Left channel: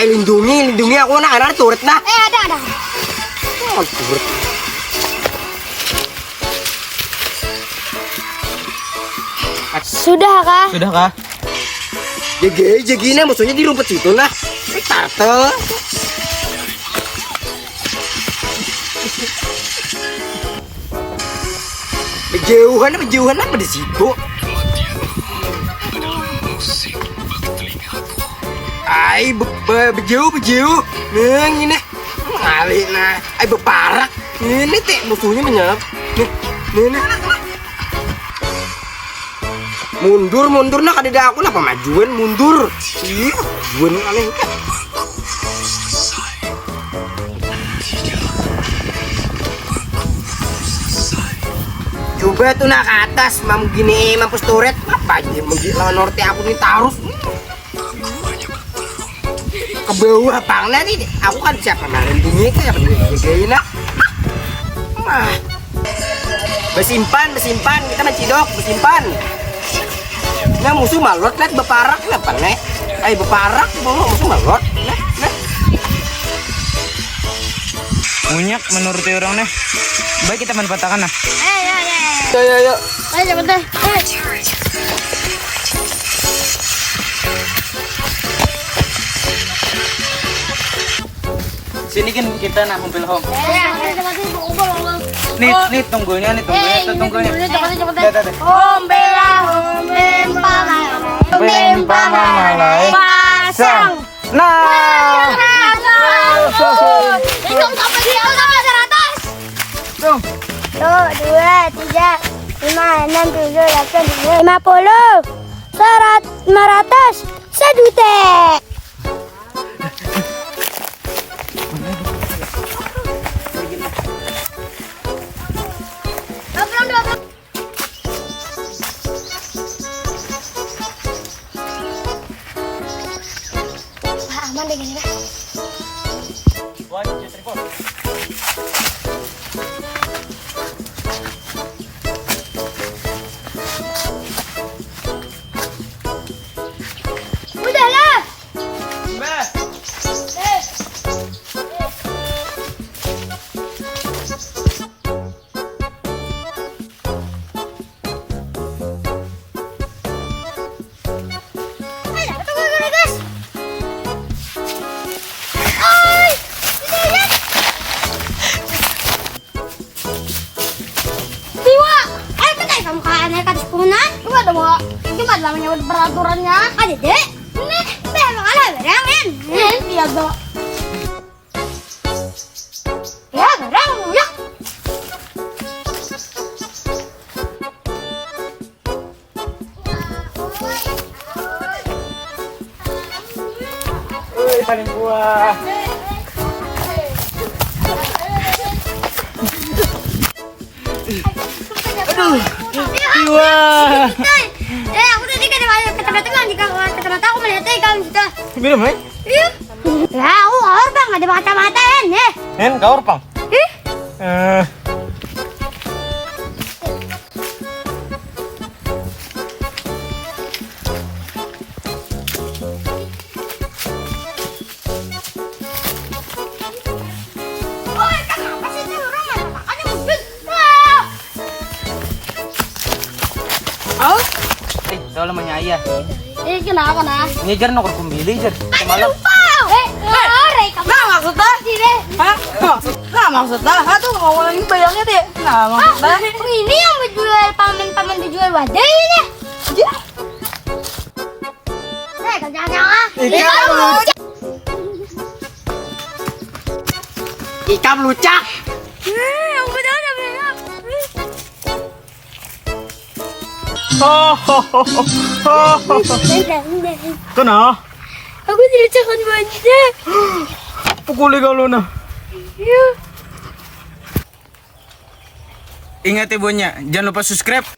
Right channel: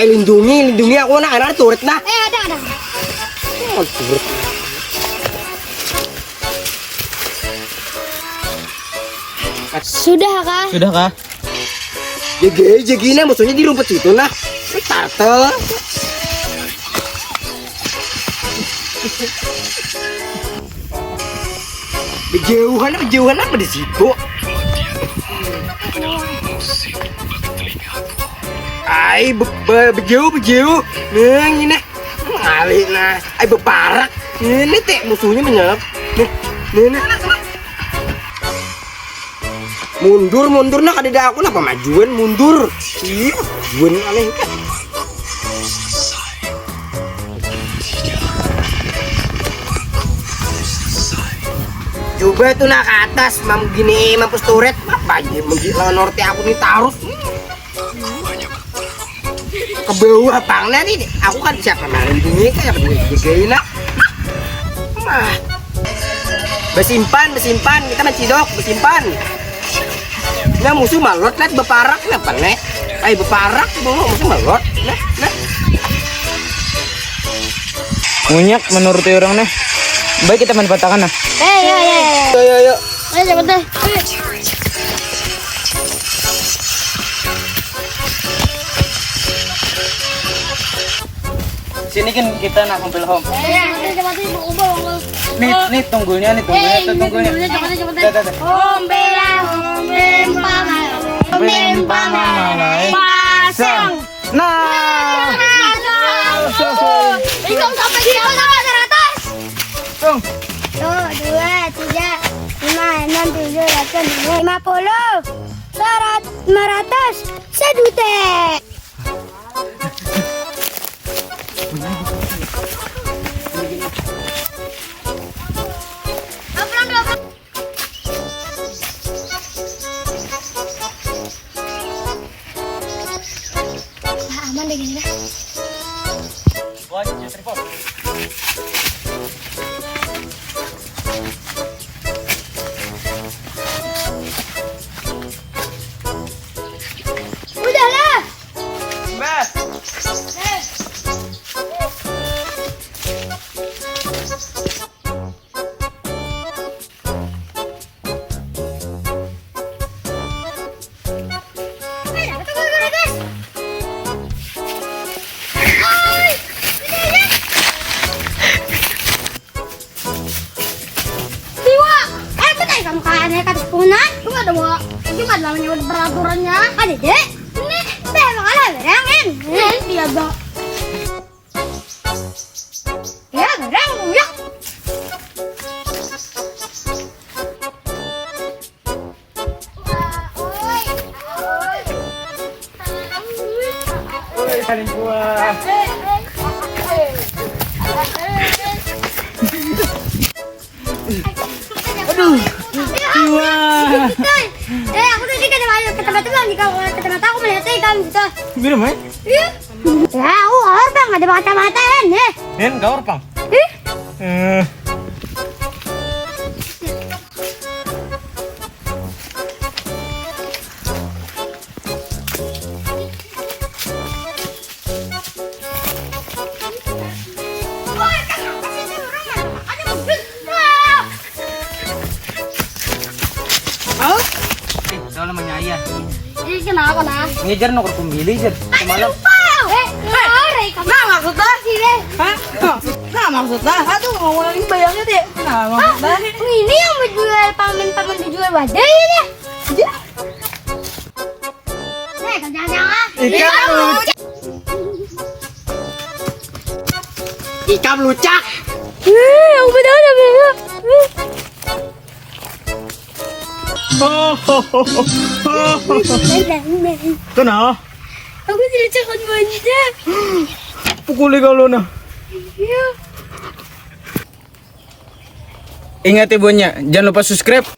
Ay, lindungi ako na. Ano, turret na. Ada. Oh, turret. Sudah kah? Sudah kah? Jagi na. Maksudnya di rumput situ nah. Ay, turtle. Berjauhan apa di situ? Ay, berjauh. Neng ini. Ngali nah. Ay, beparak. Ini teh musuhnya menyerap. Nih. Mundur nah kadeda aku lah pemajuan mundur. Iya, majuan aneh kan. Coba tuh nak ke atas, mam gini mampus turret, banyak menjadi lawan norte aku nih tarus. Ke bawah bangnya nih, aku kan siapa main bunyi kayak apa digagain nak. Bersimpan, kita mencidok, bersimpan. Nah musuh malot, lihat beparak, kenapa nih? Ay beparak, musuh malot, nah. Munyak menurut orang nih. Baik kita manfaatkan nah. Ayo. Ayo cepetan. Sini kan kita nak kumpul home. Cepetan ubah. Nih tunggulnya tuh tunggulnya. Dah. Pasang. Nah. Hitung sampai di atas. Tung. 1, 2, 3, 5, 6, 7, 8, 9, 50, 500, 1 juta. Aman deh gini deh. Udahlah. Kamu kayak naik atas punan, gimana dong? Gimana namanya peraturannya? Ada deh. Ini memang ada berang ini dia dok. Ya berang ya. Woi paling kuat. Aduh. Wah. Aku tadi kan ada kata-kata bilang di kata-kata aku melihat kamu gitu. Gimana, Mai? Iya. Ya, orang bang ada mata-mata kan, Kau Pang. Ih. Kau namanya ayah. Ini kenapa nah? Ngejar nok kumili jar. Semalam. Nah maksudnya sih deh. Nah maksudnya, aduh ngomongin bayangnya deh. Nah maksudnya. Ini yang menjual paman dijual wadah ini. Jangan. Ikan lucak. Udah bego. Tuh nah. Aku tidak akan manja. Pukuli kalau nah. Iya. Ingat ibunya, jangan lupa subscribe.